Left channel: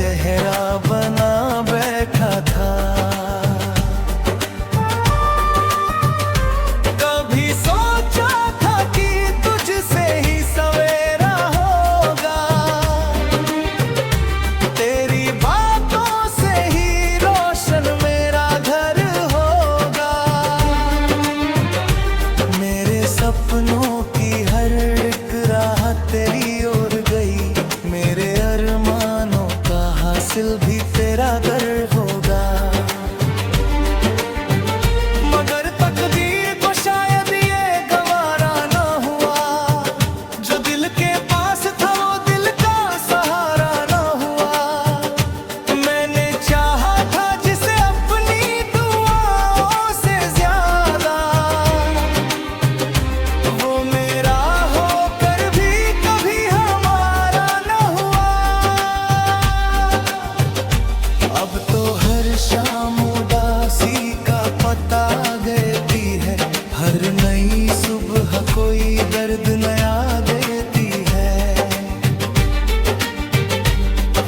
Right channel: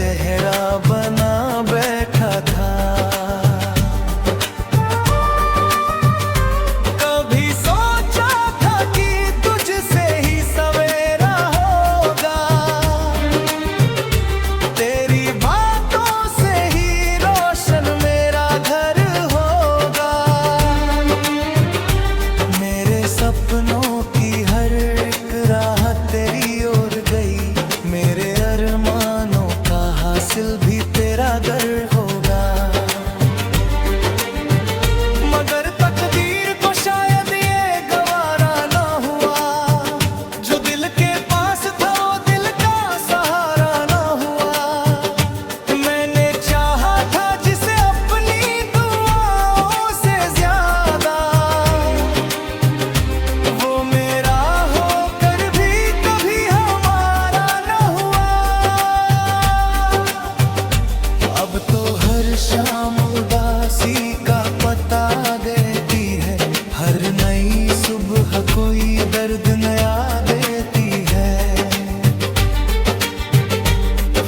चेहरा बना बैठा था। कभी सोचा था कि तुझसे ही सवेरा होगा, तेरी बातों से ही रोशन मेरा घर होगा। मेरे सपनों की हर एक राह तेरी ओर गई, मेरे अरमानों का हासिल भी तेरा दर होगा। मगर तकदीर को शायद ये गवारा ना हुआ, जो दिल के पास था वो दिल का सहारा ना हुआ। मैंने चाहा था जिसे अपनी दुआओं से ज्यादा, वो मेरा होकर भी कभी हमारा ना हुआ। अब तो हर शाम उदासी का पता देती है, हर नई सुबह कोई दर्द नया देती है।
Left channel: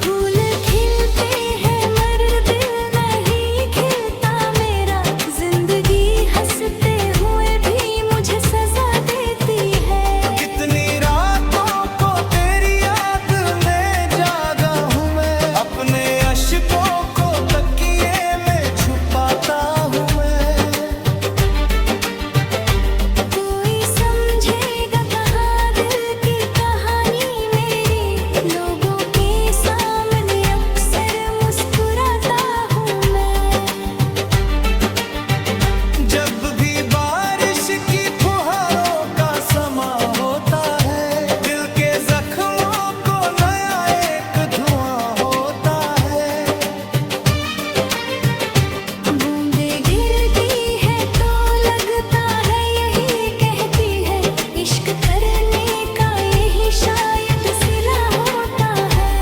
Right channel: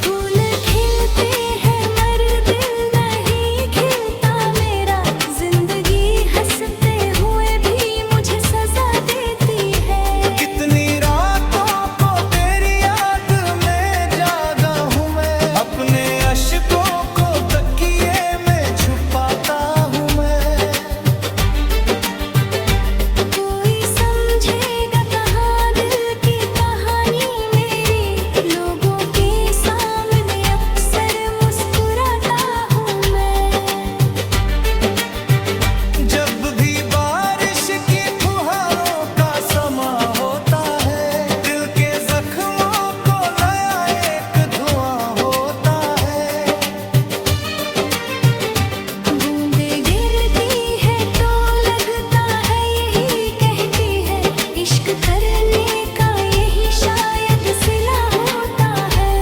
फूल खिलते हैं मगर दिल नहीं खिलता मेरा, जिंदगी हंसते हुए भी मुझे सजा देती है। कितनी रातों को तेरी याद में जागा हूँ मैं, अपने अश्कों को तकिए में छुपाता हूँ मैं। कोई समझेगा कहाँ दिल की कहानी मेरी, लोगों के सामने अक्सर मुस्कुराता हूँ मैं। जब भी बारिश की फुहारों का समा होता है, दिल के जख्मों को नया एक धुआं होता है। बूंदें गिरती है तो लगता है यही कहती है, इश्क करने का यही शायद सिला होता है।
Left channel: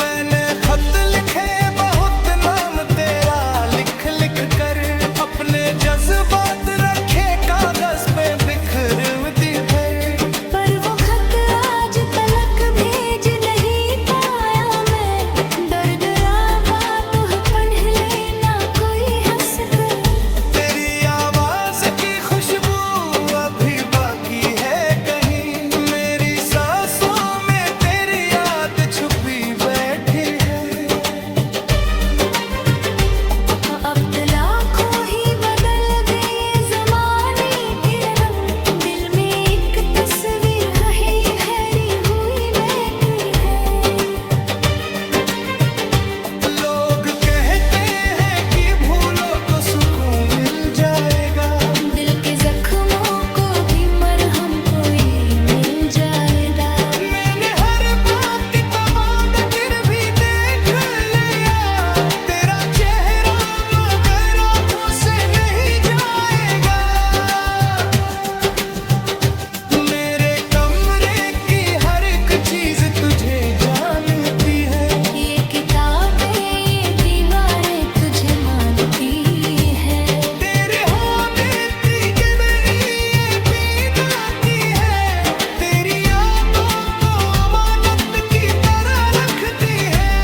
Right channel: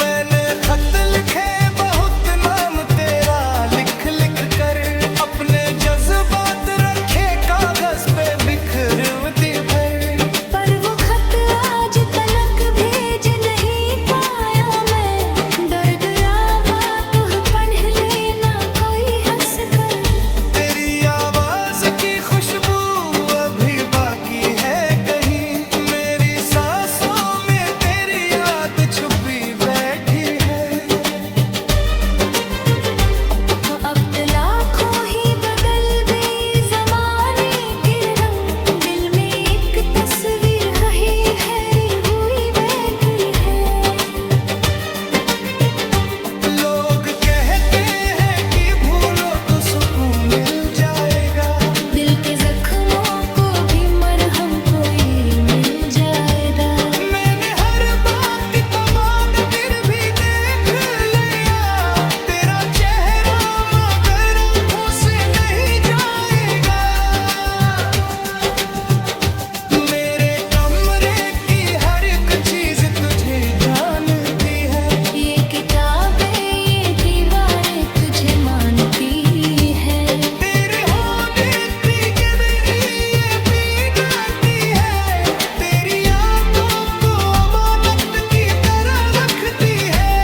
मैंने खत लिखे बहुत नाम तेरा लिख लिख कर, अपने जज्बात रखे कागज पे बिखरती भर। पर वो खत आज तलक भेज नहीं पाया मैं, दर्द रावा तुह पढ़ लेना कोई हंस कर। तेरी आवाज की खुशबू अभी बाकी है कहीं, मेरी सांसों में तेरी याद छुपी बैठी है। अब लाखों ही बदल दे ये जमाने के रंग, दिल में एक तस्वीर हैरी हुई बैठी है। लोग कहते हैं कि भूलो तो सुकून मिल जाएगा, दिल के जख्मों को भी मरहम कोई मिल जाएगा। मैंने हर बात तमाम फिर भी देख लिया, तेरा चेहरा मगर आंखों से नहीं जाएगा। मेरे कमरे की हर एक चीज तुझे जानती है, ये किताबें ये दीवारें तुझे मानती है। तेरे होने की मेरी ये बीनाती है, तेरी यादों को अमानत की तरह रखती है।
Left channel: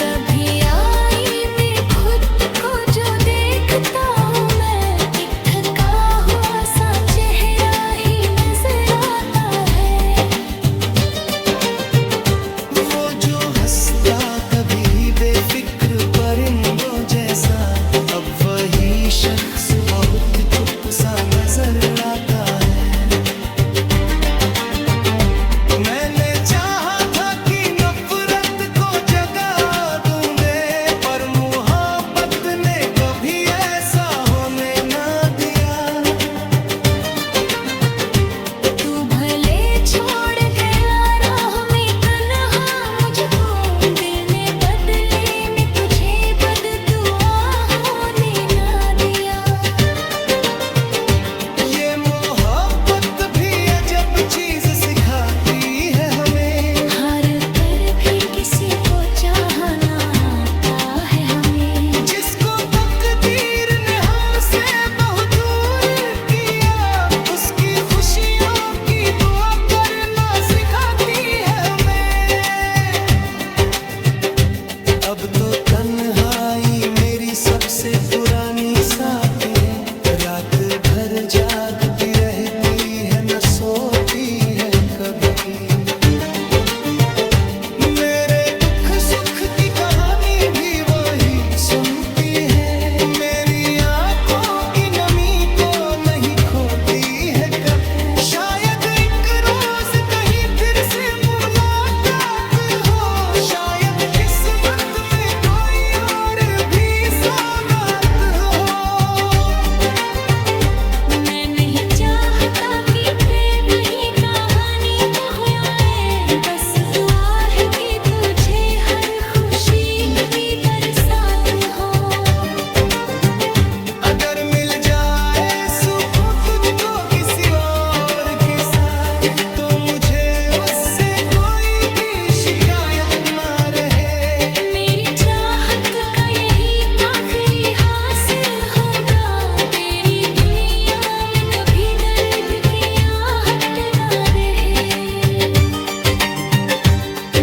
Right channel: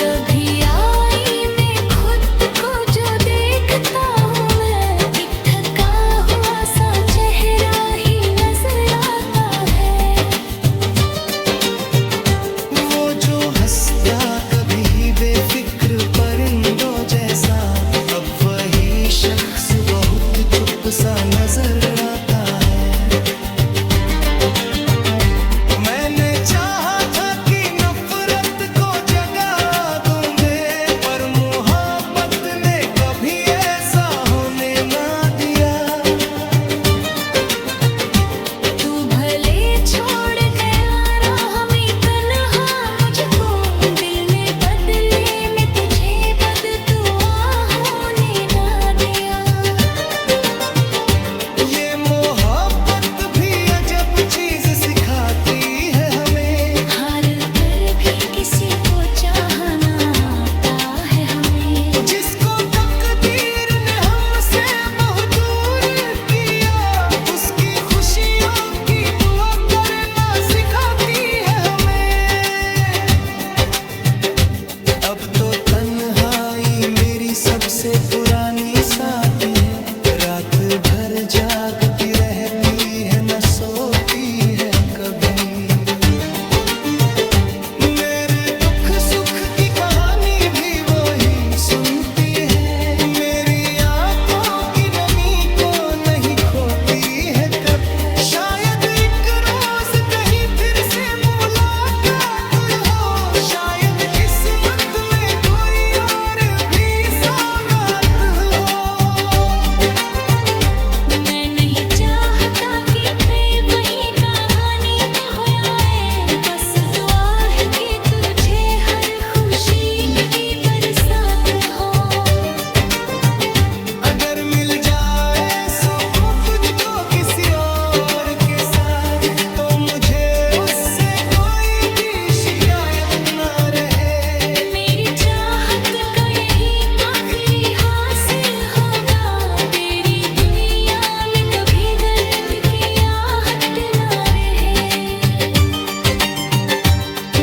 कभी आई मैं खुद को जो देखता हूँ मैं, एक थका हुआ सा चेहरा ही नजर आता है। वो जो हंसता कभी बेफिक्र परिंदों जैसा, अब वही शख्स बहुत चुप सा नजर आता है। मैंने चाहा था कि नफरत को जगा दूं दे, पर मोहब्बत ने कभी ऐसा होने ना दिया। तू भले छोड़ गया राह में तन्हा मुझको, दिल ने बदले में तुझे बददुआ होने ना दिया। ये सबसे पुरानी साथी है, रात भर जागती रहती है, न सोती है कभी। मेरे दुख सुख की कहानी भी वही सुनती है, मेरी आंखों की नमी को नहीं खोती है कभी। शायद एक रोज कहीं फिर से मुलाकात हो, शायद किस्मत में कोई और भी सौगात हो। मैं नहीं चाहता कि फिर वही कहानी दोहराए, बस दुआ है कि तुझे हर खुशी की बरसात हो। अगर मिल जाए सुकून तुझको किसी और के साथ, तो मुझे उससे कोई भी शिकायत ना रहे। मेरी चाहत का यही आखिरी हासिल होगा, तेरी दुनिया में कभी दर्द की आहट ना रहे।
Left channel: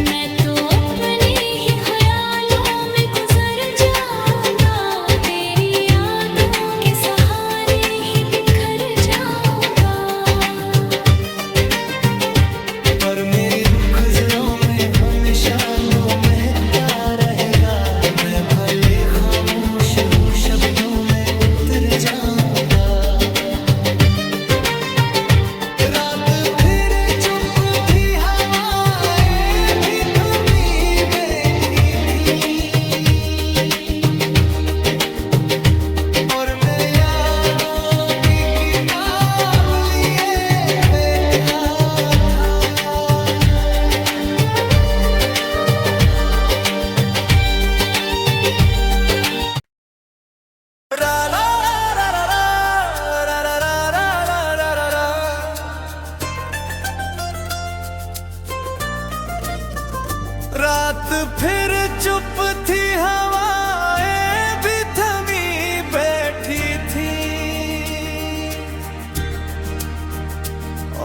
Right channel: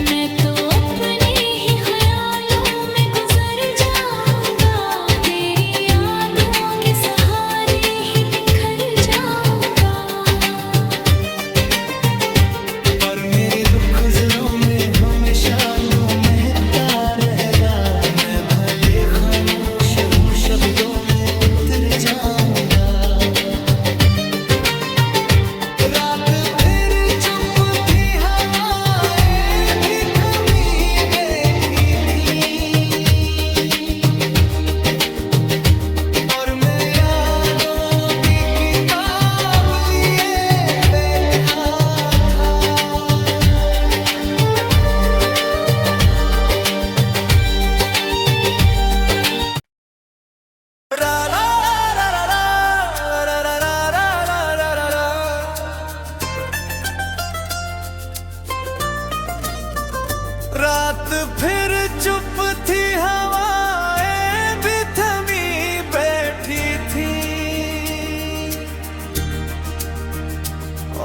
मैं तो अपने ही ख्यालों में गुजर जाऊंगा, तेरी यादों के सहारे ही बिखर जाऊंगा। पर मेरी दुख ज़रों में हमेशा तू महकता रहेगा। मैं भले खामोश हूँ, शब्दों में उतर जाऊंगा। रात फिर चुप थी, हवाएं भी थमी बैठी थी, और मैं यादों की किताब लिए बैठा था। रा रा रा रा रा रा रा रा रा रा रा रा। रात फिर चुप थी, हवाएं भी थमी बैठी थी,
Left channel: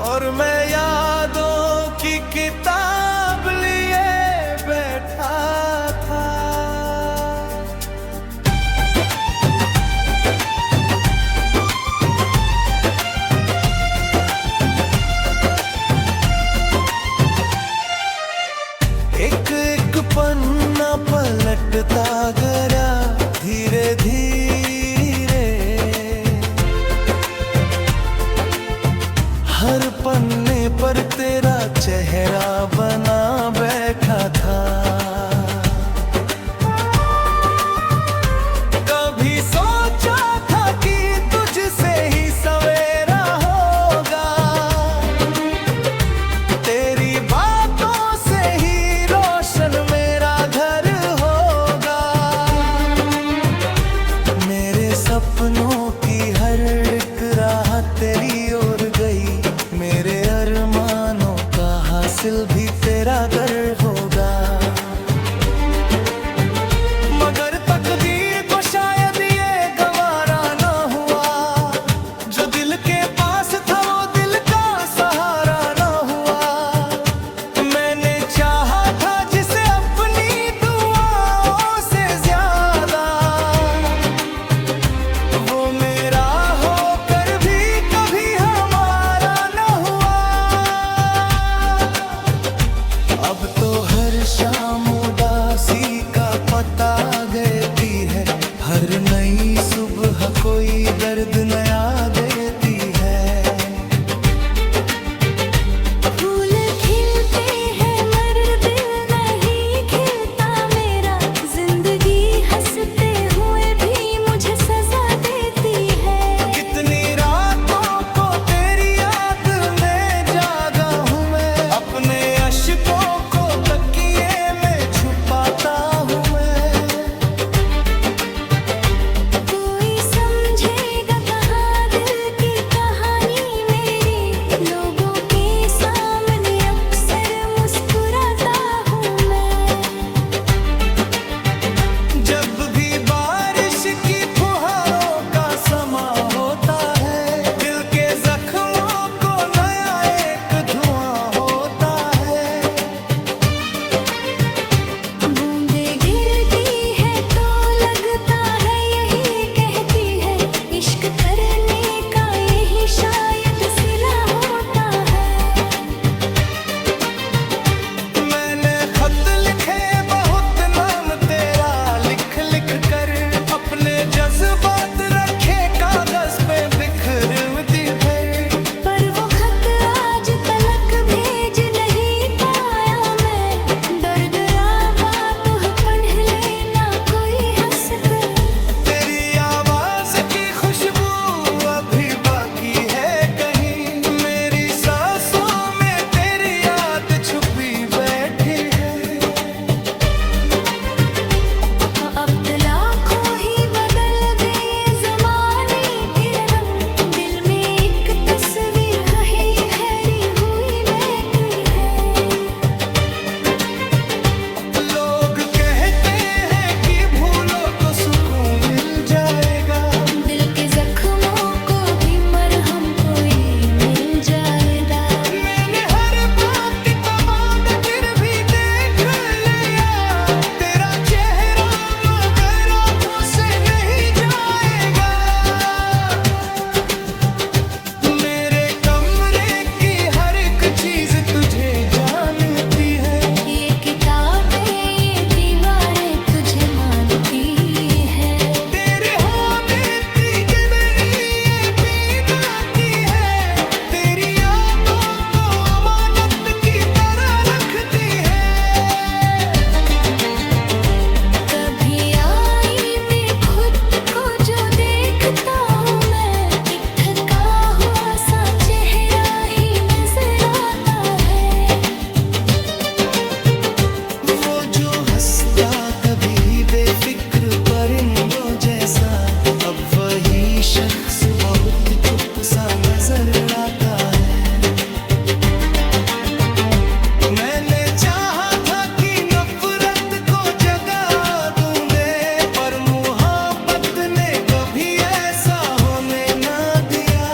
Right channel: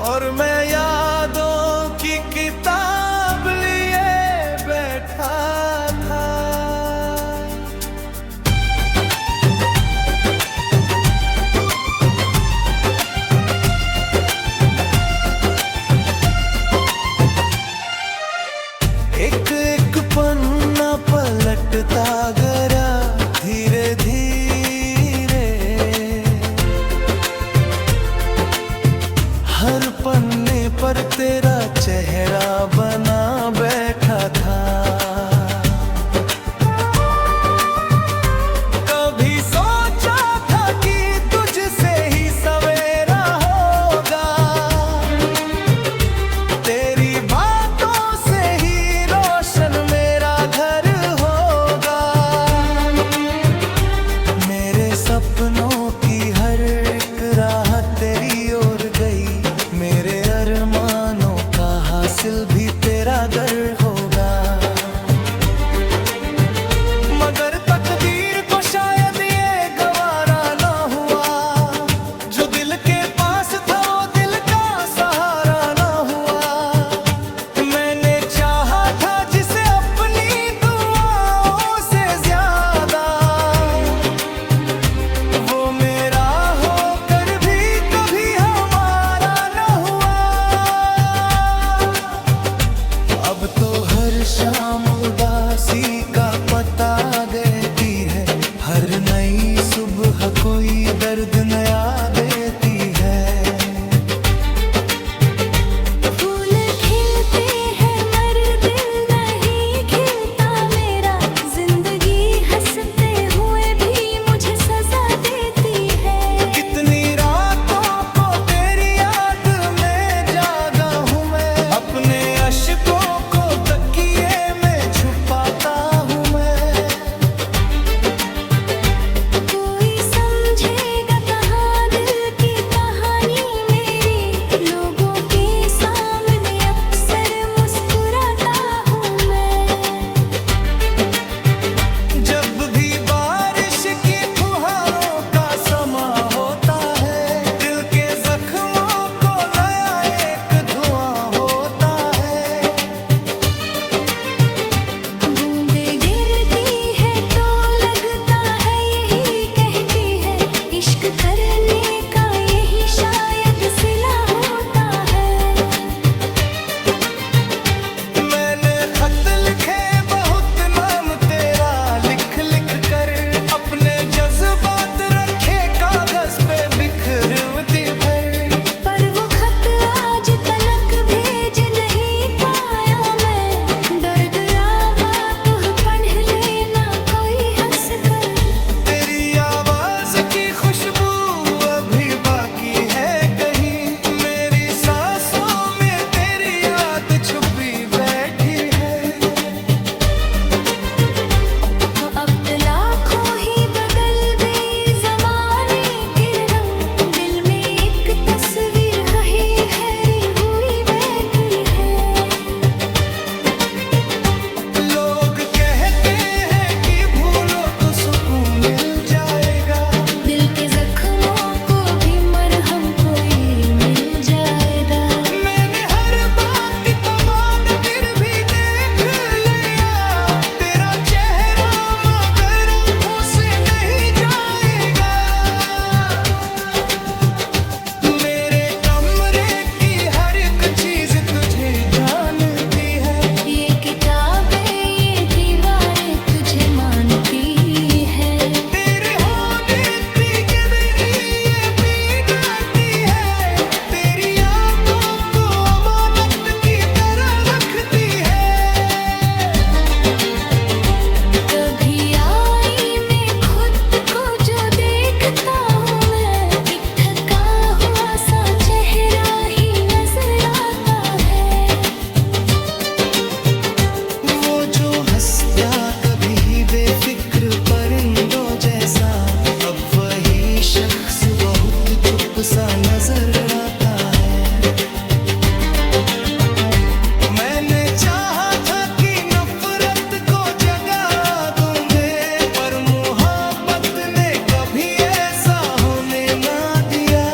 और मैं यादों की किताब लिए बैठा था। एक एक पन्ना पलटता गया धीरे धीरे, हर पन्ने पर तेरा चेहरा बना बैठा था। कभी सोचा था कि तुझसे ही सवेरा होगा, तेरी बातों से ही रोशन मेरा घर होगा। मेरे सपनों की हर एक राह तेरी ओर गई, मेरे अरमानों का हासिल भी तेरा घर होगा। मगर तकदीर को शायद ये गवारा ना हुआ, जो दिल के पास था वो दिल का सहारा ना हुआ। मैंने चाहा था जिसे अपनी दुआओं से ज्यादा, वो मेरा होकर भी कभी हमारा ना हुआ। अब तो हर शाम उदासी का पता देती है, हर नई सुबह कोई दर्द नया देती है। फूल खिलते हैं मगर दिल नहीं खिलता मेरा, जिंदगी हंसते हुए भी मुझे सजा देती है। कितनी रातों को तेरी याद में जागा हूँ मैं, अपने अश्कों को तकिए में छुपाता हूँ मैं। कोई समझेगा कहाँ दिल चुप सा नजर आता है। मैंने चाहा था कि नफरत को जगा दूं दे, पर मोहब्बत ने कभी ऐसा होने ना दिया।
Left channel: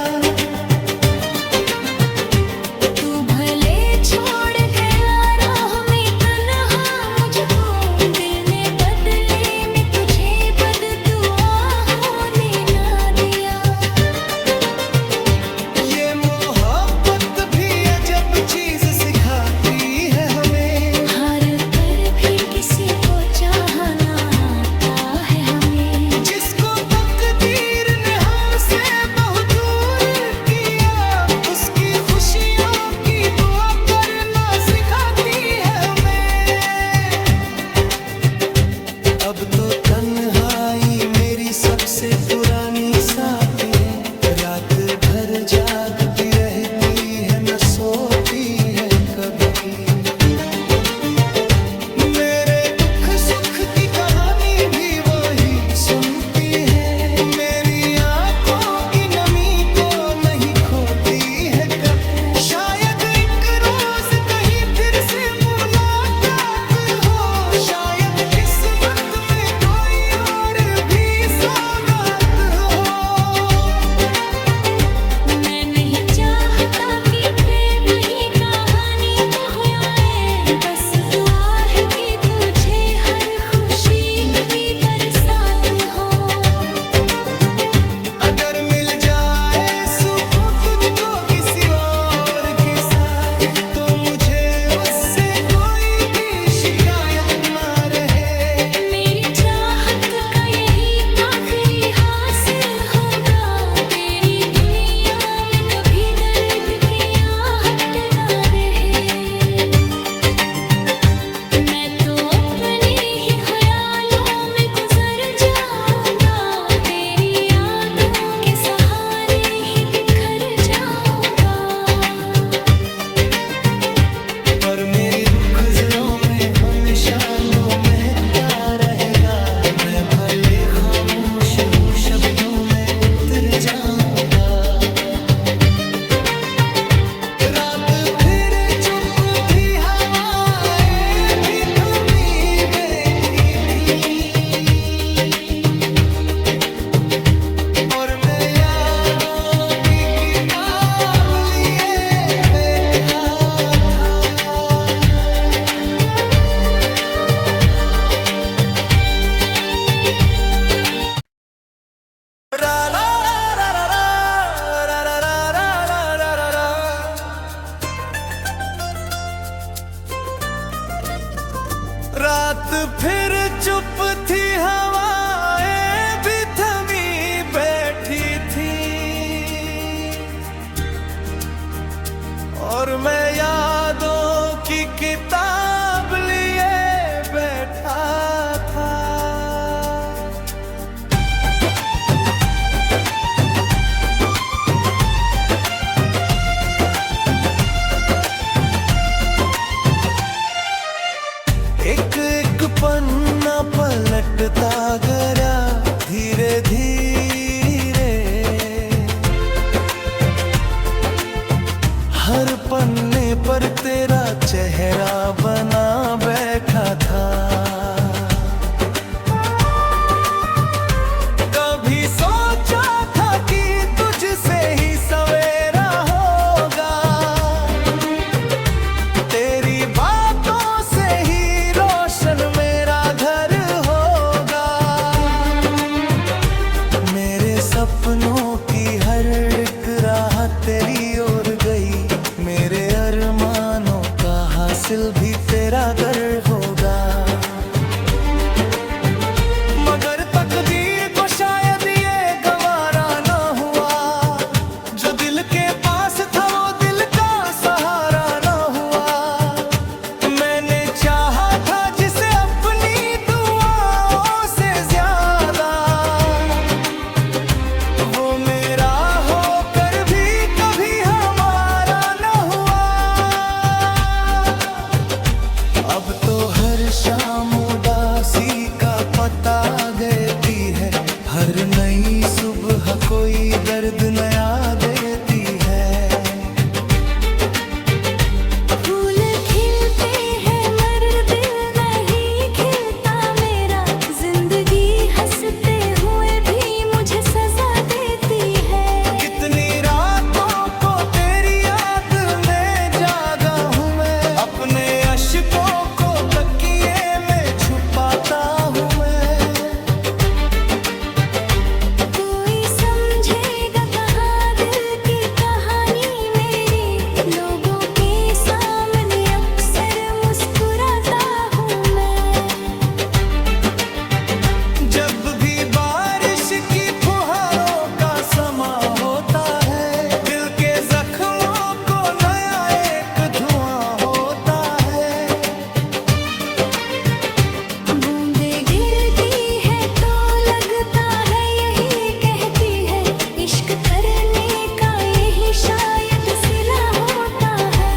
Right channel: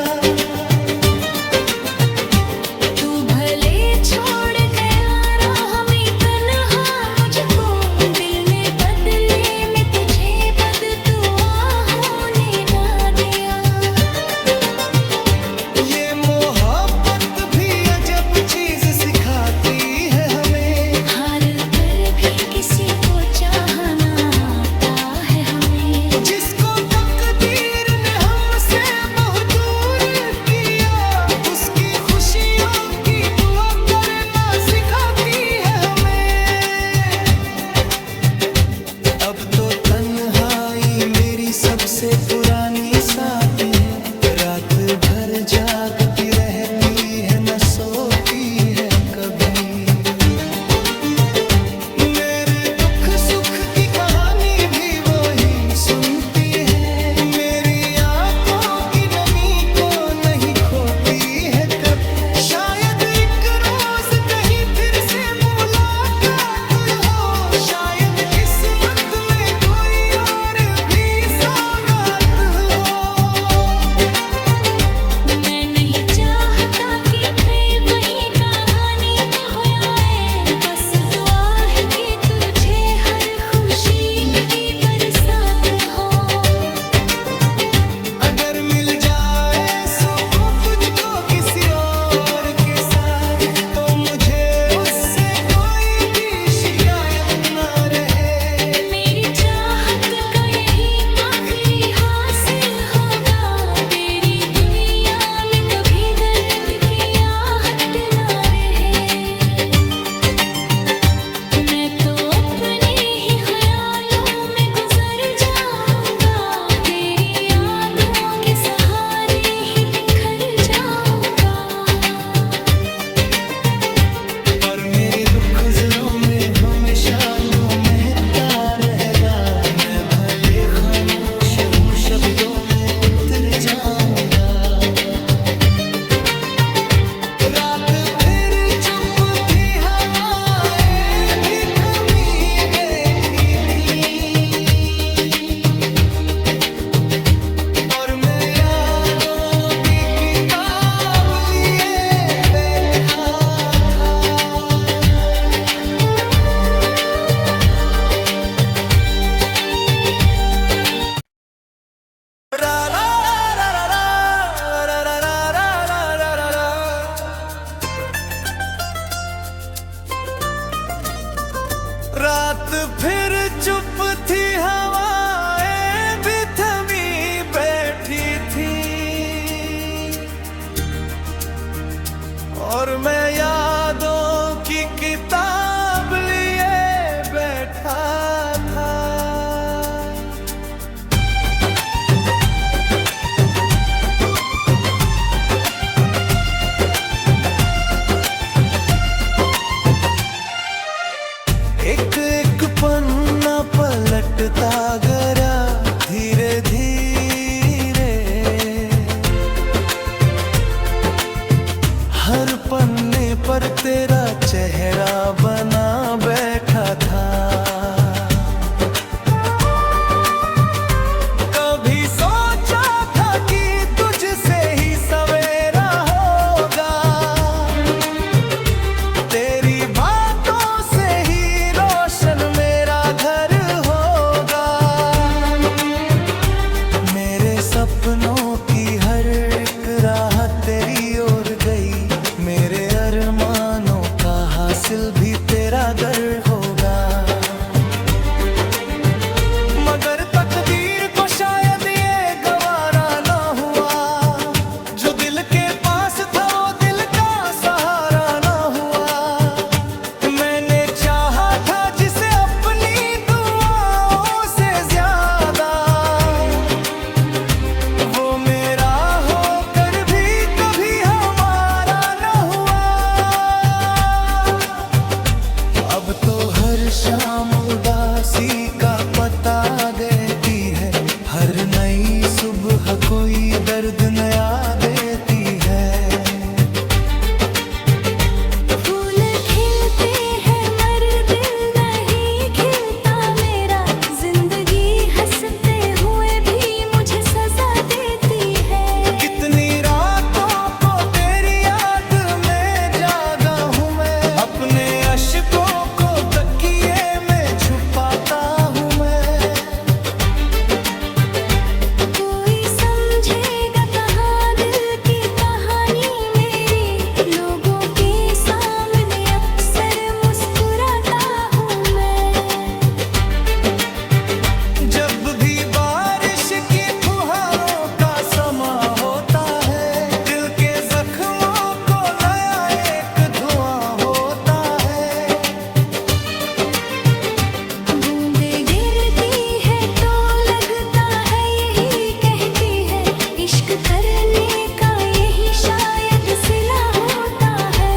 तू भले छोड़ गया राह में तन्हा मुझको, दिल ने बदले में तुझे बददुआ होने ना दिया। ये मोहब्बत भी अजब चीज सिखाती है हमें, हार कर भी किसी को चाहना आता है हमें। जिसको तकदीर ने हमसे बहुत दूर किया, उसकी खुशियों की दुआ करना सिखाती है हमें। अब तो तन्हाई मेरी सबसे पुरानी साथी है, रात भर जागती रहती है, न सोती है कभी। मेरे दुख सुख की कहानी भी वही सुनती है, मेरी आंखों की नमी को नहीं खोती है कभी। शायद एक रोज कहीं फिर से मुलाकात हो, शायद किस्मत में कोई और भी सौगात हो। मैं नहीं चाहता कि फिर वही कहानी दोहराए, बस दुआ है कि तुझे हर खुशी की बरसात हो। अगर मिल जाए सुकून तुझको किसी और के साथ, तो मुझे उससे कोई भी शिकायत ना रहे। मेरी चाहत का यही आखिरी हासिल होगा, तेरी दुनिया में कभी दर्द की आहट ना रहे। मैं तो अपने ही ख्यालों में गुजर जाऊंगा, तेरी यादों के सहारे ही बिखर जाऊंगा। पर मेरी दुख ज़रों में हमेशा तू महकता रहेगा। मैं भले खामोश हूँ, शब्दों में उतर जाऊंगा। रात फिर चुप थी, हवाएं भी थमी बैठी थी, और मैं यादों की किताब लिए बैठा था। रा रा रा रा रा रा रा रा रा रा रा रा। रात फिर चुप थी, हवाएं भी थमी बैठी थी, और मैं यादों की किताब लिए बैठा था। एक एक पन्ना पलटता गया धीरे धीरे, हर पन्ने पर तेरा चेहरा बना बैठा था। कभी सोचा था कि तुझसे ही सवेरा होगा, तेरी बातों से ही रोशन मेरा घर होगा। मेरे सपनों की हर एक राह तेरी ओर गई, मेरे अरमानों का हासिल भी तेरा घर होगा। मगर तकदीर को शायद ये गवारा ना हुआ, जो दिल के पास था वो दिल का सहारा ना हुआ। मैंने चाहा था जिसे अपनी दुआओं से ज्यादा, वो मेरा होकर भी कभी हमारा ना हुआ। अब तो सुबह कोई दर्द नया देती है। फूल खिलते हैं मगर दिल नहीं खिलता मेरा, जिंदगी हंसते हुए भी मुझे सजा देती है। कितनी रातों को तेरी याद में जागा हूँ मैं, अपने अश्कों को तकिए में छुपाता हूँ मैं। कोई समझेगा कहाँ दिल की कहानी मेरी, लोगों के सामने अक्सर मुस्कुराता हूँ मैं। जब भी बारिश की फुहारों का समा होता है, दिल के जख्मों को नया एक धुआं होता है। बूंदें गिरती है तो लगता है यही कहती है, इश्क करने का यही शायद सिला होता है।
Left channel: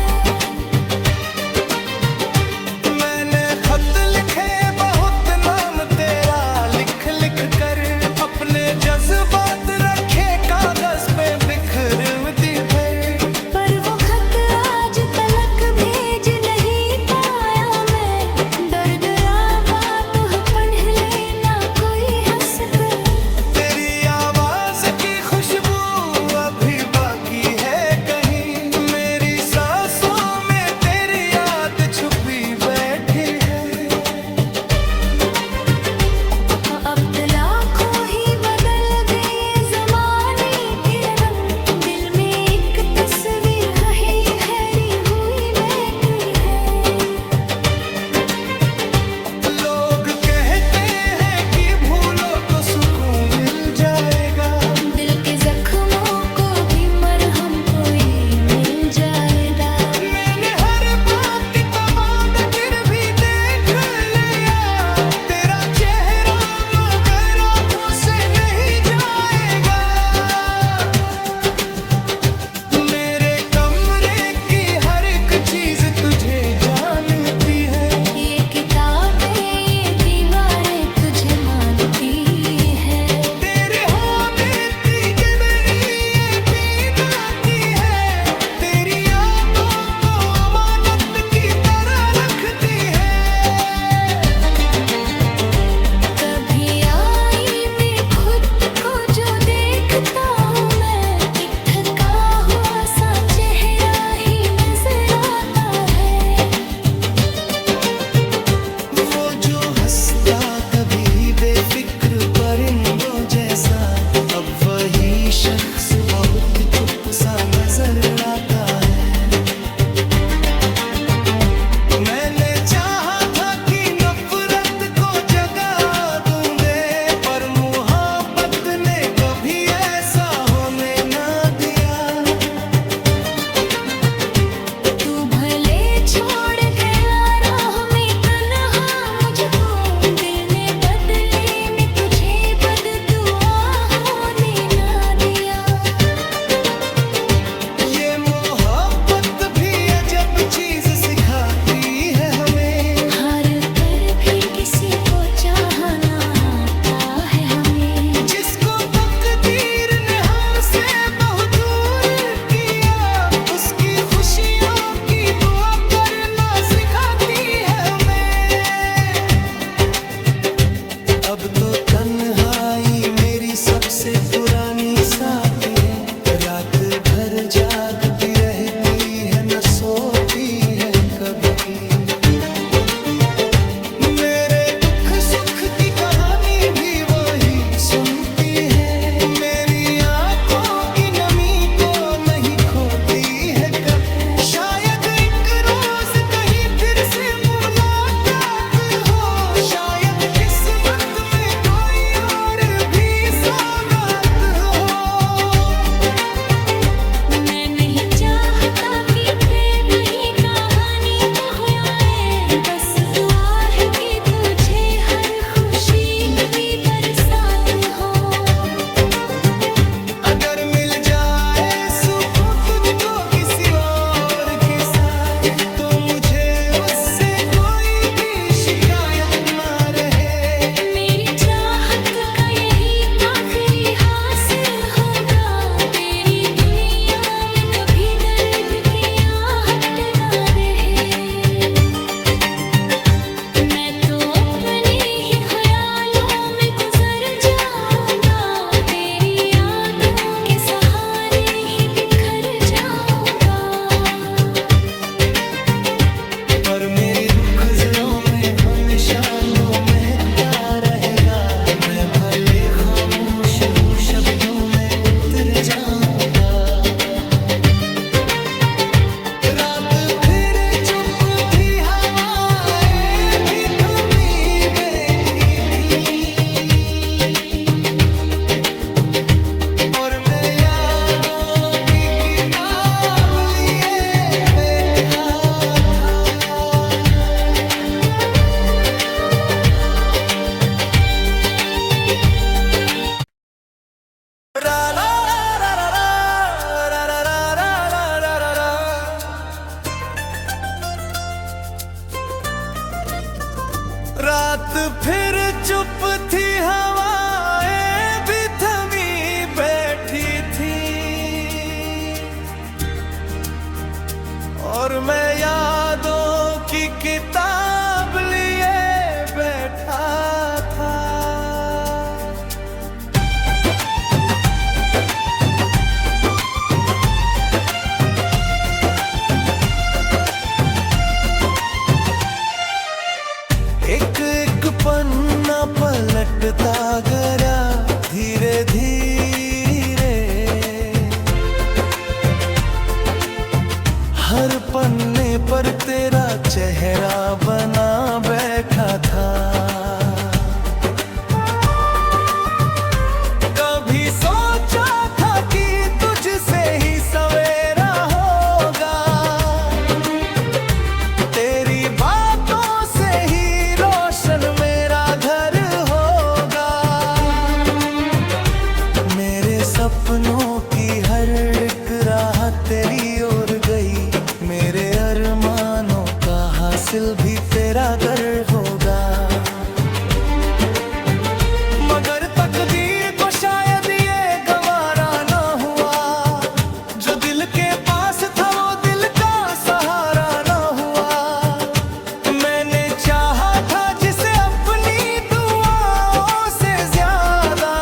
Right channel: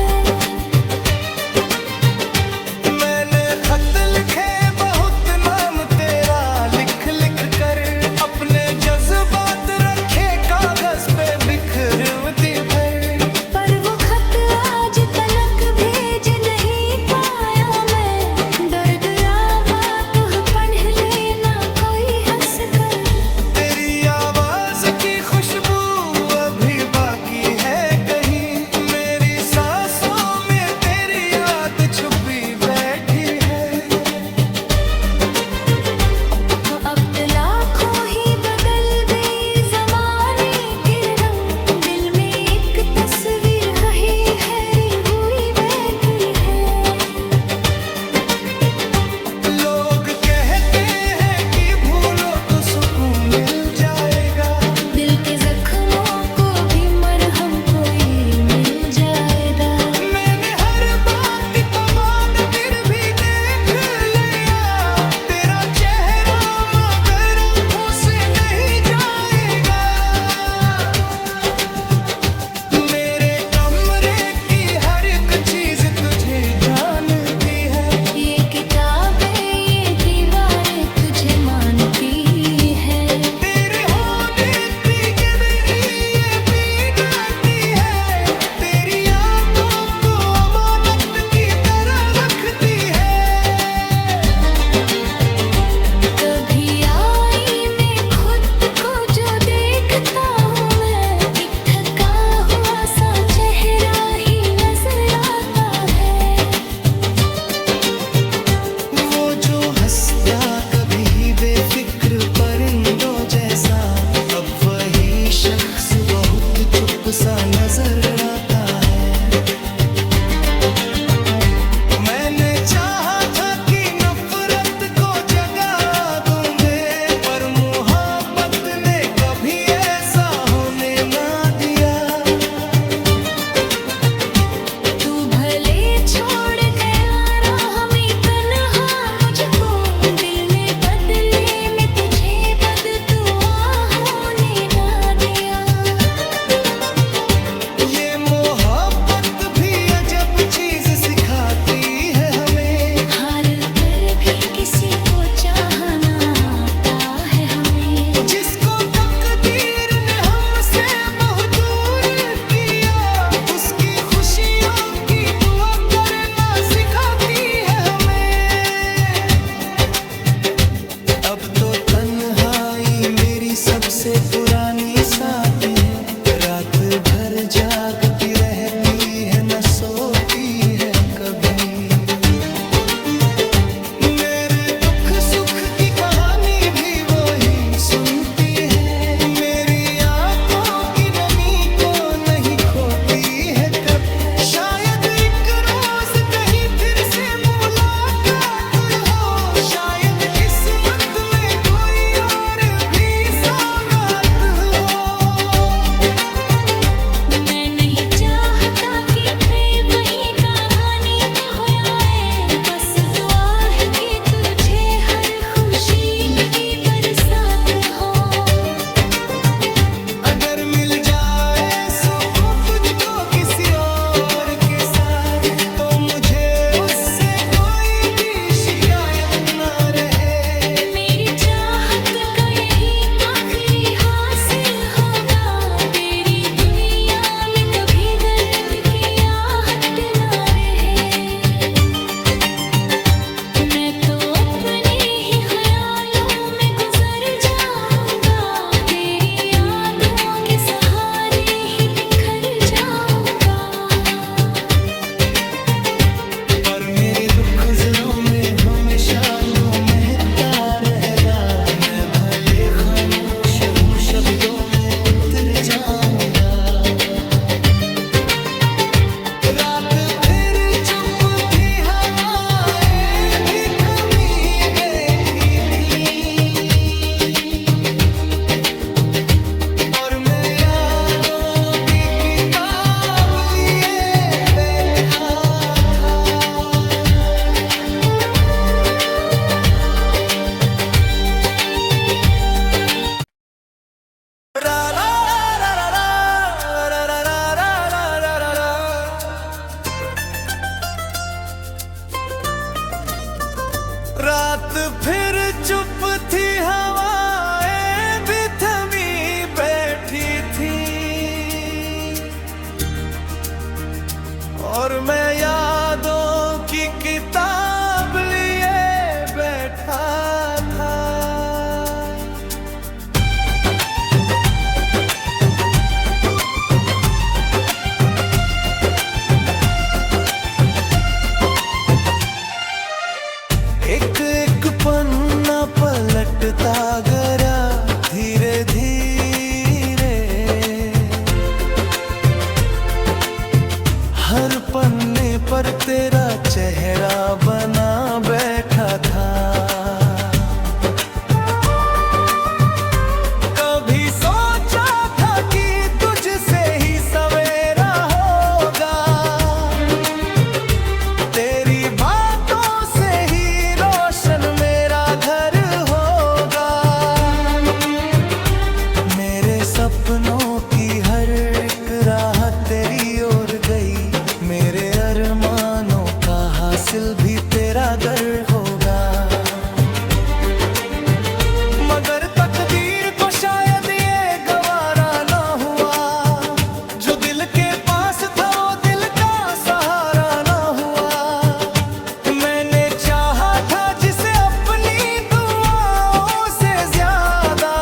मैंने खत लिखे बहुत नाम तेरा लिख लिख कर, अपने जज्बात रखे कागज पे बिखरती भर। पर वो खत आज तलक भेज नहीं पाया मैं, दर्द रावा तो पढ़ लेना कोई हंस कर। तेरी आवाज की खुशबू अभी बाकी है कहीं, मेरी सांसों में तेरी याद छुपी बैठी है। अब लाखों ही बदल दे ये ज़माने के रंग, दिल में एक तस्वीर हैरी हुई बैठी है। लोग कहते हैं कि भूलो तो सुकून मिल जाएगा, दिल के जख्मों को भी मरहम कोई मिल जाएगा। मैंने हर बात तमाम फिर भी देख लिया, तेरा चेहरा मगर आंखों से नहीं जाएगा। मेरे कमरे की हर एक चीज तुझे जानती है, ये किताबें ये दीवारें तुझे मानती है। तेरे होने की मेरी ये बीनाती है, तेरी यादों को अमानत की तरह रखती है। कभी आई मैं खुद को जो देखता हूँ मैं, एक थका हुआ सा चेहरा ही नजर आता है। वो जो हंसता कभी बेफिक्र परिंदों जैसा, अब वही शख्स बहुत चुप सा नजर आता है। मैंने चाहा था कि नफरत को जगा दूं दे, पर मोहब्बत ने कभी ऐसा होने ना दिया। तू भले छोड़ गया राह में तन्हा मुझको, दिल ने बदले में तुझे बददुआ होने ना दिया। ये मोहब्बत भी अजब चीज सिखाती है हमें, हार कर भी किसी को चाहना आता है हमें। जिसको तकदीर ने हमसे बहुत दूर किया, उसकी खुशियों की दुआ करना सिखाती है हमें। अब तो तन्हाई मेरी सबसे पुरानी साथी है, रात भर जागती रहती है न सोती है कभी। मेरे दुख सुख की कहानी भी वही सुनती है, मेरी आंखों की नमी को नहीं खोती है कभी। शायद एक रोज कहीं फिर से मुलाकात हो, शायद किस्मत में कोई और भी सौगात हो। मैं नहीं चाहता कि फिर वही कहानी तो हो खामोश हूँ, शब्दों में उतर जाऊंगा। रात फिर चुप थी, हवाएं भी थमी बैठी थी, और मैं यादों की किताब लिए बैठा था। रात फिर चुप थी, हवाएं भी थमी बैठी थी, और मैं यादों की किताब लिए बैठा था। एक एक पन्ना पलटता गया धीरे धीरे, हर पन्ने पर तेरा चेहरा बना बैठा था। कभी सोचा था कि तुझसे ही सवेरा होगा, तेरी बातों से ही रोशन मेरा घर होगा। मेरे सपनों की हर एक राह तेरी ओर गई, मेरे अरमानों का हासिल भी तेरा दर होगा। मगर तकदीर को शायद ये गवारा ना हुआ, जो दिल के पास था वो दिल का सहारा ना हुआ। मैंने चाहा था जिसे अपनी दुआओं से ज्यादा,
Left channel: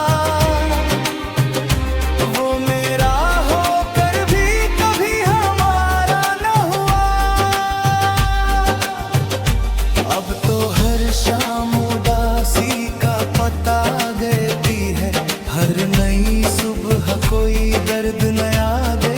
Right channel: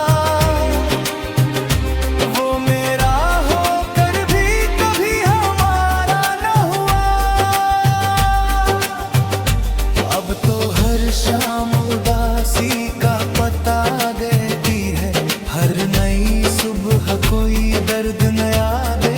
वो मेरा होकर भी कभी हमारा ना हुआ। अब तो हर शाम उदासी का पता देती है, हर नई सुबह कोई दर्द नया दे